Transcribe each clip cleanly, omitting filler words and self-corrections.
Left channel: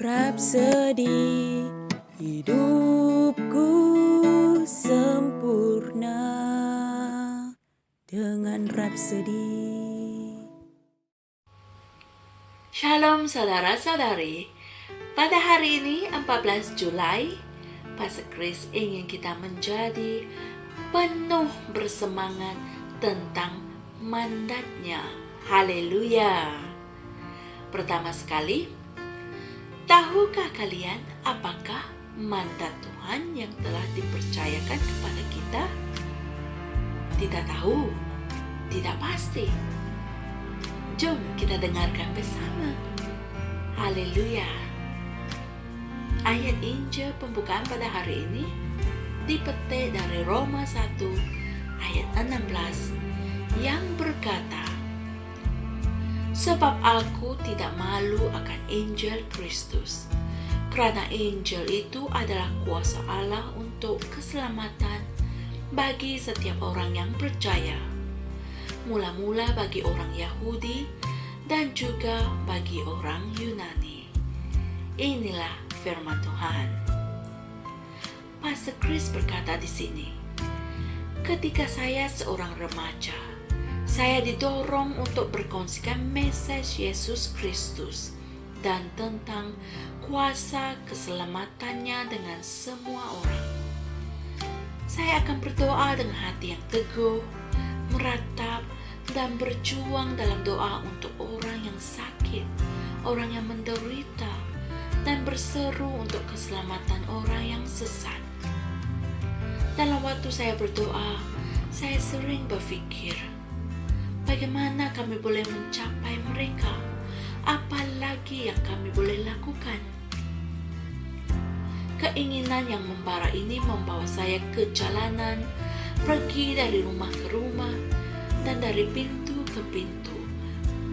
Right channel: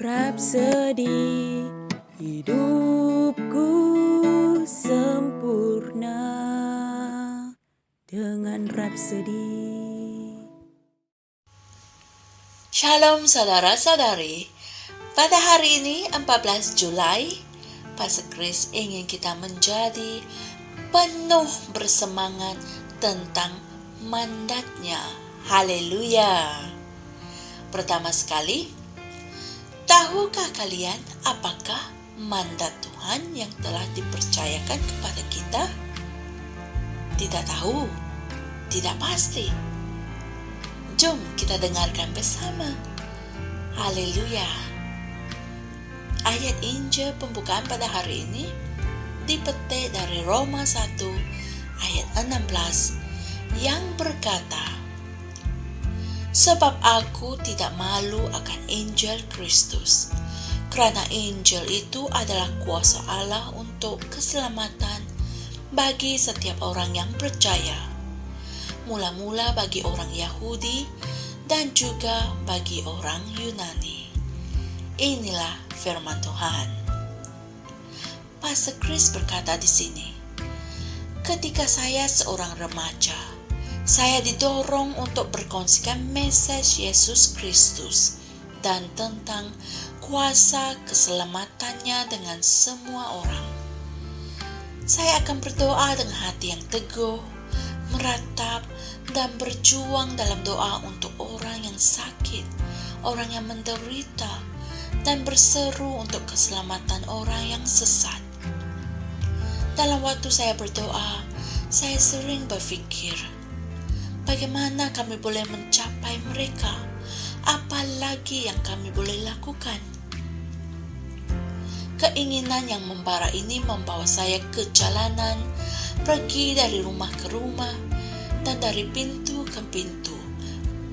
Rapsodi hidupku sempurna dengan Rapsodi. Shalom saudara-saudari. Pada hari ini 14 Julai, Pastor Chris ingin kita menjadi penuh bersemangat tentang mandatnya. Haleluya. Pertama sekali, tahukah kalian apakah mandat Tuhan yang telah dipercayakan kepada kita? Tidak tahu, tidak pasti. Jom kita dengarkan bersama. Haleluya. Ayat Injil pembukaan pada hari ini dipetik dari Roma 1 ayat 16 yang berkata, sebab aku tidak malu akan Injil Kristus, karena Injil itu adalah kuasa Allah untuk keselamatan bagi setiap orang yang percaya, mula-mula bagi orang Yahudi dan juga bagi orang Yunani. Inilah firman Tuhan. Pastor Chris berkata di sini, ketika saya seorang remaja, saya didorong untuk berkongsikan mesej Yesus Kristus dan tentang kuasa keselamatannya dengan semua orang. Saya akan berdoa dengan hati yang teguh, meratap, dan berjuang dalam doa untuk orang yang sakit, orang yang menderita, dan berseru untuk keselamatan orang yang sesat. Dalam waktu saya berdoa, saya sering berpikir, bagaimana kami boleh mencapai mereka? Apa lagi yang kami boleh lakukan? Keinginan yang membara ini membawa saya ke jalanan, pergi dari rumah ke rumah, dan dari pintu ke pintu,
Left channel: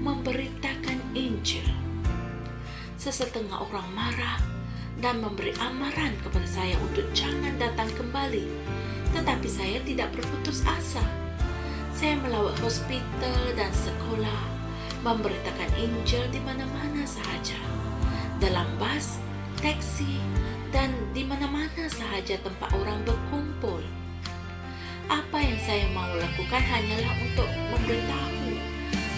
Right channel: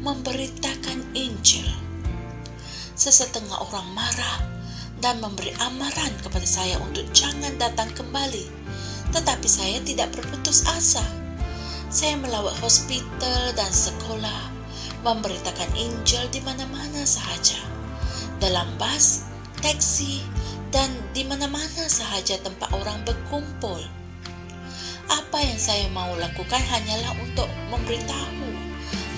memberitakan Injil. Sesetengah orang marah dan memberi amaran kepada saya untuk jangan datang kembali, tetapi saya tidak berputus asa. Saya melawat hospital dan sekolah, memberitakan Injil di mana-mana sahaja, dalam bas, taksi, dan di mana-mana sahaja tempat orang berkumpul. Apa yang saya mau lakukan hanyalah untuk memberitahu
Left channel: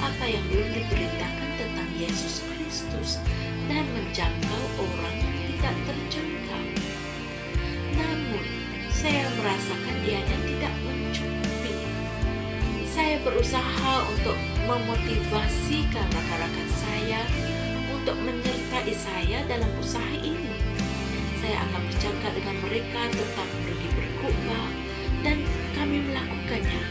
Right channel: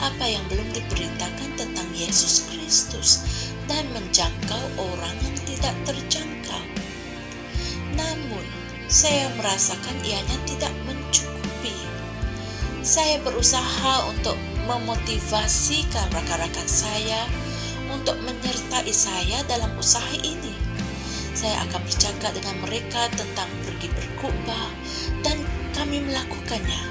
apa yang belum diberitakan tentang Yesus Kristus dan menjangkau orang yang tidak terjangkau. Namun, saya merasakan ianya tidak mencukupi. Saya berusaha untuk memotivasikan rakan-rakan saya untuk menyertai saya dalam usaha ini. Saya akan bercakap dengan mereka tentang pergi berkhotbah dan kami melakukannya.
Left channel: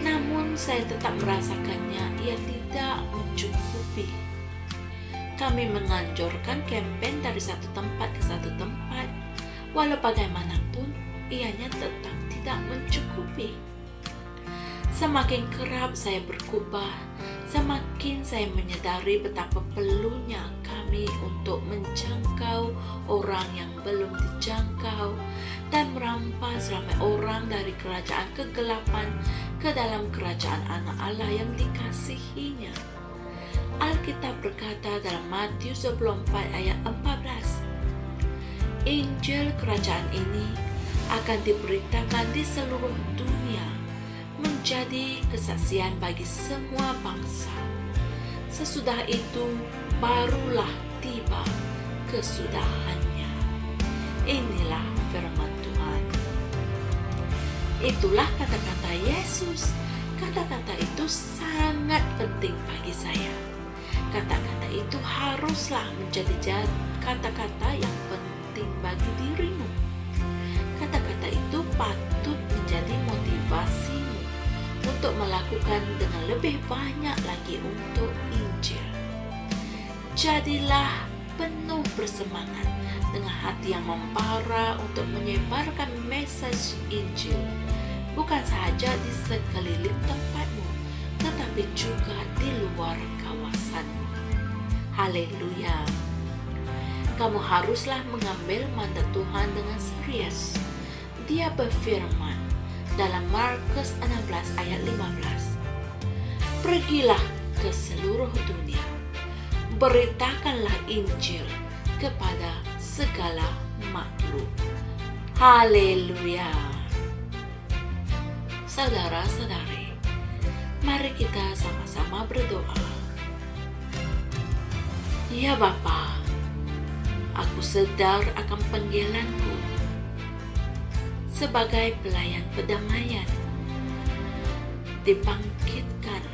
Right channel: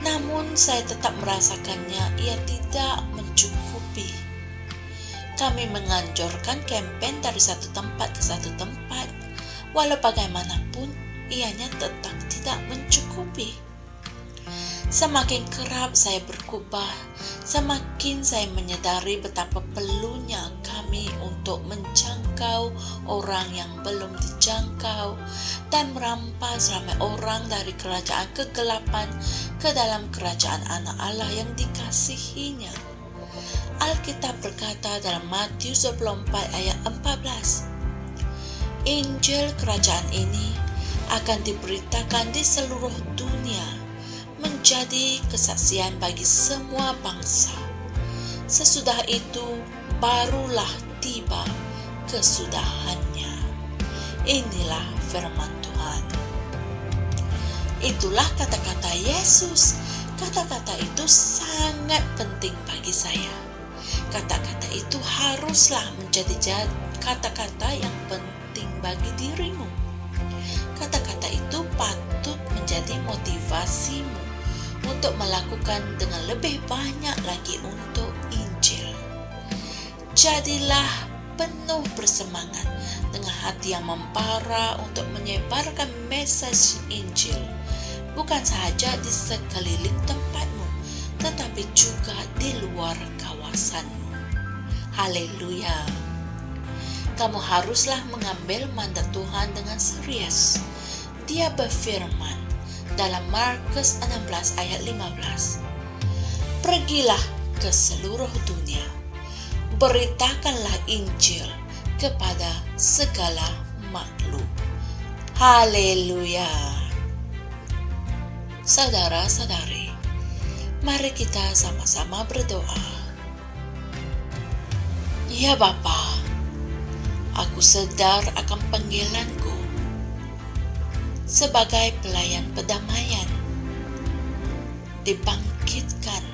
Namun saya tetap merasakannya ia tidak mencukupi. Kami menganjurkan kempen dari satu tempat ke satu tempat, walau bagaimanapun ianya tetap tidak mencukupi. Semakin kerap saya berkhotbah, semakin saya menyadari betapa perlunya kami untuk menjangkau orang yang belum dijangkau dan merampas ramai orang dari kerajaan kegelapan ke dalam kerajaan anak Allah yang dikasihinya. Alkitab berkata dalam Matius 24 ayat 14, Injil kerajaan ini akan diberitakan di seluruh dunia, menjadi kesaksian bagi semua bangsa. Sesudah itu barulah tiba kesudahannya. Inilah firman Tuhan. Itulah kata-kata Yesus. Kata-kata itu sangat penting bagi saya. Kata-kata itu haruslah menjadi kata-kata yang penting bagi dirimu. Kata-kata itu patut menjadi motivasimu untuk melakukan dengan lebih banyak lagi untuk Injil. Jadilah penuh bersemangat dengan hati yang membara untuk menyebarkan mesej Injil, bukan sahaja di sekeliling tempatmu, tetapi juga di luar kawasanmu. Haleluya. Kamu haruslah mengambil mandat Tuhan dengan serius. Dia berfirman dalam Markus 16 ayat 15, pergilah ke seluruh dunia, beritakanlah Injil kepada segala makhluk. Haleluya. Saudara-saudari, mari kita sama-sama berdoa. Ya Bapa, aku sadar akan panggilanku sebagai pelayan perdamaian, dibangkitkan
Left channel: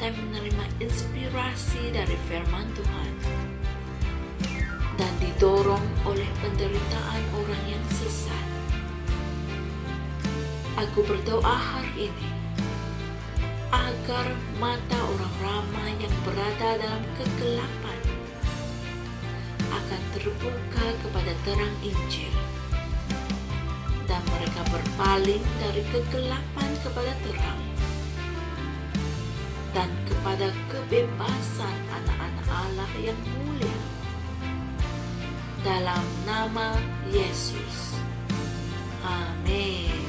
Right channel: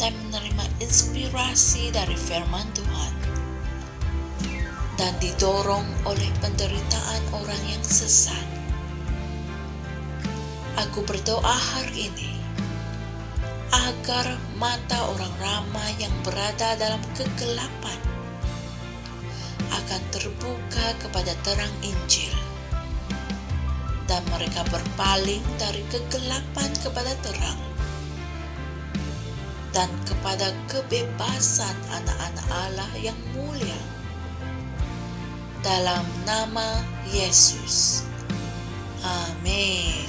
dan menerima inspirasi dari firman Tuhan, dan didorong oleh penderitaan orang yang sesat. Aku berdoa hari ini agar mata orang ramai yang berada dalam kegelapan akan terbuka kepada terang Injil, dan mereka berpaling dari kegelapan kepada terang dan kepada kebebasan anak-anak Allah yang mulia. Dalam nama Yesus. Amin.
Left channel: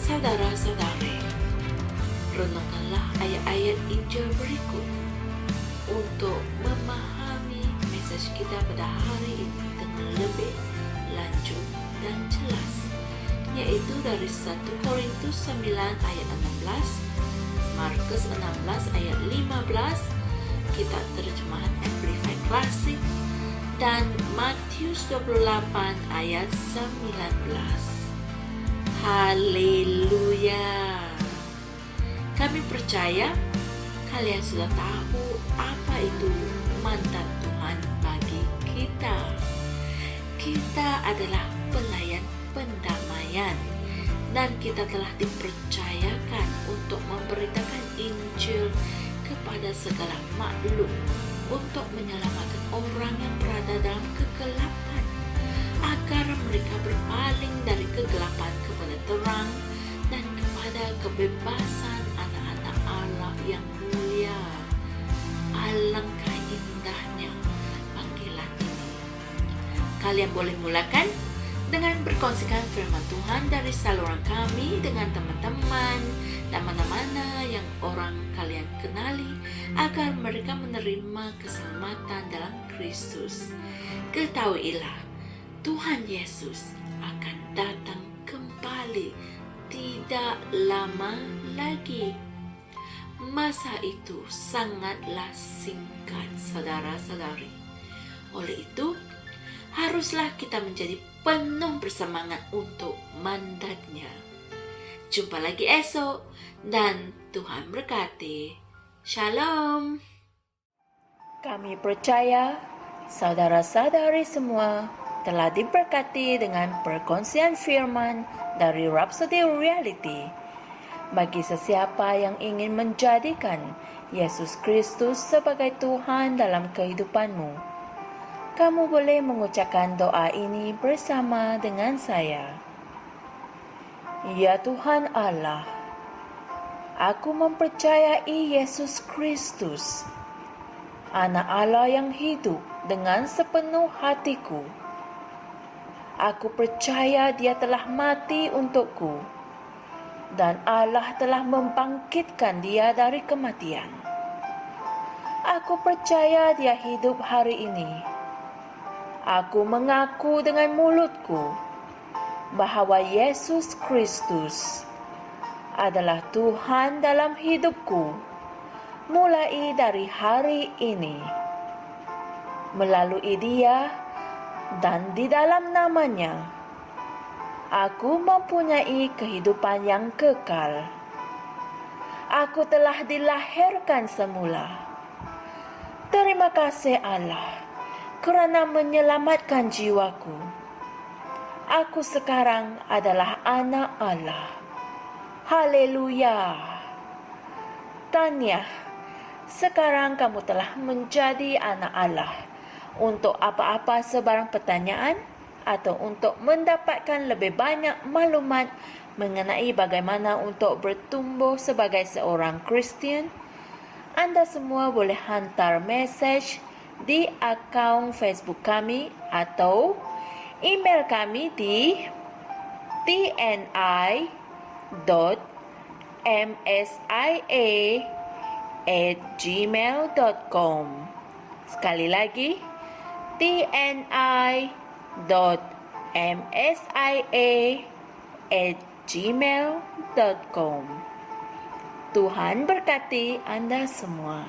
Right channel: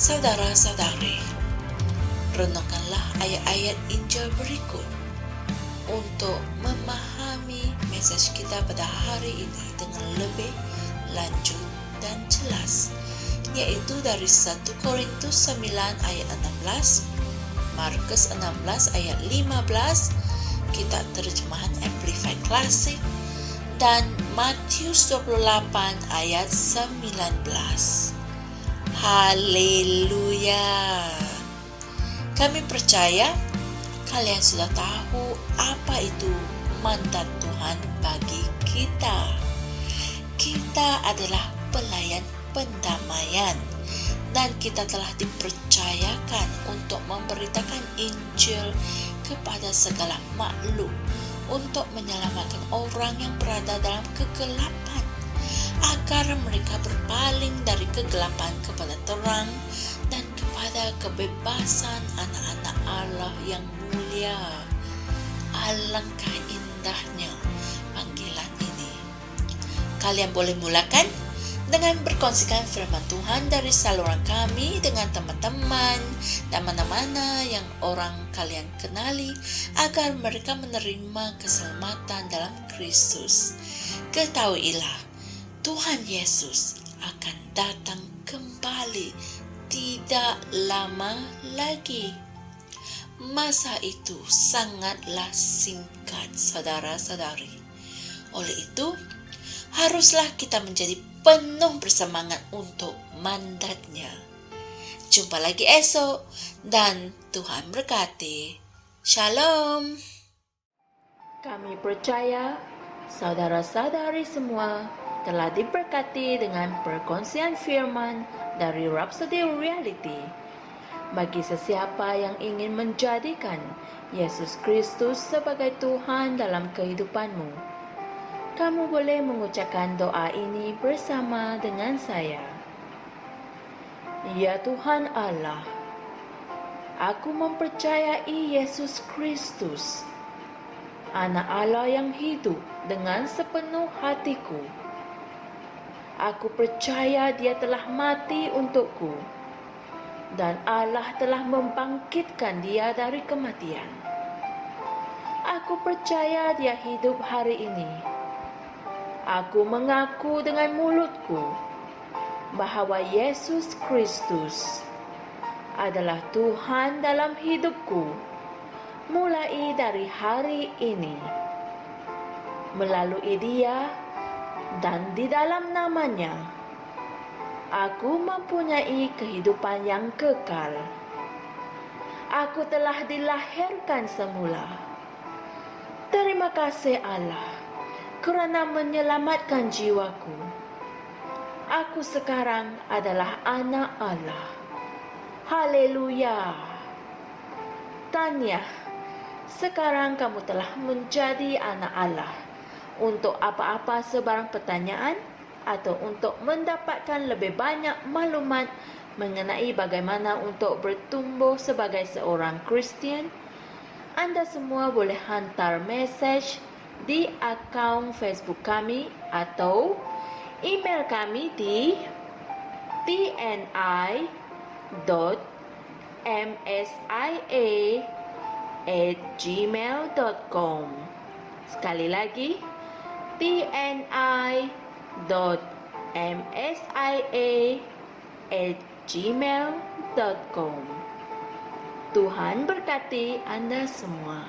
Saudara-saudari, renungkanlah ayat-ayat Injil berikut untuk memahami mesej kita pada hari ini dengan lebih lanjut dan jelas, yaitu dari 1 Korintus 9 ayat 16, Markus 16 ayat 15, kitab terjemahan Amplified Classic, dan Matius 28 ayat 19. Haleluya. Kami percaya kalian sudah tahu apa itu mandat Tuhan bagi kita. Kita adalah pelayan pendamaian, dan kita telah dipercayakan untuk memberitakan Injil kepada segala makhluk, untuk menyelamatkan orang yang berada dalam kegelapan, agar mereka berpaling dari kegelapan kepada terang dan kepada kebebasan anak-anak Allah yang mulia. Alangkah indahnya panggilan ini. Kalian boleh mulakan dengan berkongsikan firman Tuhan dari saluran kami dengan teman-teman dan mana-mana yang orang kalian kenali, agar mereka menerima keselamatan dalam Kristus. Ketahuilah, Tuhan Yesus akan datang kembali tidak lama lagi. Masa itu sangatlah singkat, saudara-saudari. Oleh itu, haruslah kita menjadi penuh bersemangat untuk mandatnya. Jumpa lagi esok, dan Tuhan berkati. Shalom. Kami percaya saudara-saudari semua telah diberkati dengan perkongsian firman dari Rhapsody Reality. Bagi sesiapa yang ingin menjadikan Yesus Kristus sebagai Tuhan dalam kehidupanmu, kamu boleh mengucapkan doa ini bersama dengan saya. Ya Tuhan Allah, aku mempercayai Yesus Kristus, Anak Allah yang hidup dengan sepenuh hatiku. Aku percaya Dia telah mati untukku, dan Allah telah membangkitkan Dia dari kematian. Aku percaya Dia hidup hari ini. Aku mengaku dengan mulutku bahwa Yesus Kristus adalah Tuhan dalam hidupku mulai dari hari ini. Melalui Dia dan di dalam nama-Nya, aku mempunyai kehidupan yang kekal. Aku telah dilahirkan semula. Terima kasih Allah kerana menyelamatkan jiwaku. Aku sekarang adalah anak Allah. Haleluya. Tanya, sekarang kamu telah menjadi anak Allah. Untuk apa-apa sebarang pertanyaan atau untuk mendapatkan lebih banyak maklumat mengenai bagaimana untuk bertumbuh sebagai seorang Kristian, Anda semua boleh hantar mesej di akaun Facebook kami atau email kami di tni.msia@gmail.com. Sekali lagi, tni.msia@gmail.com. Tuhan berkati Anda semua.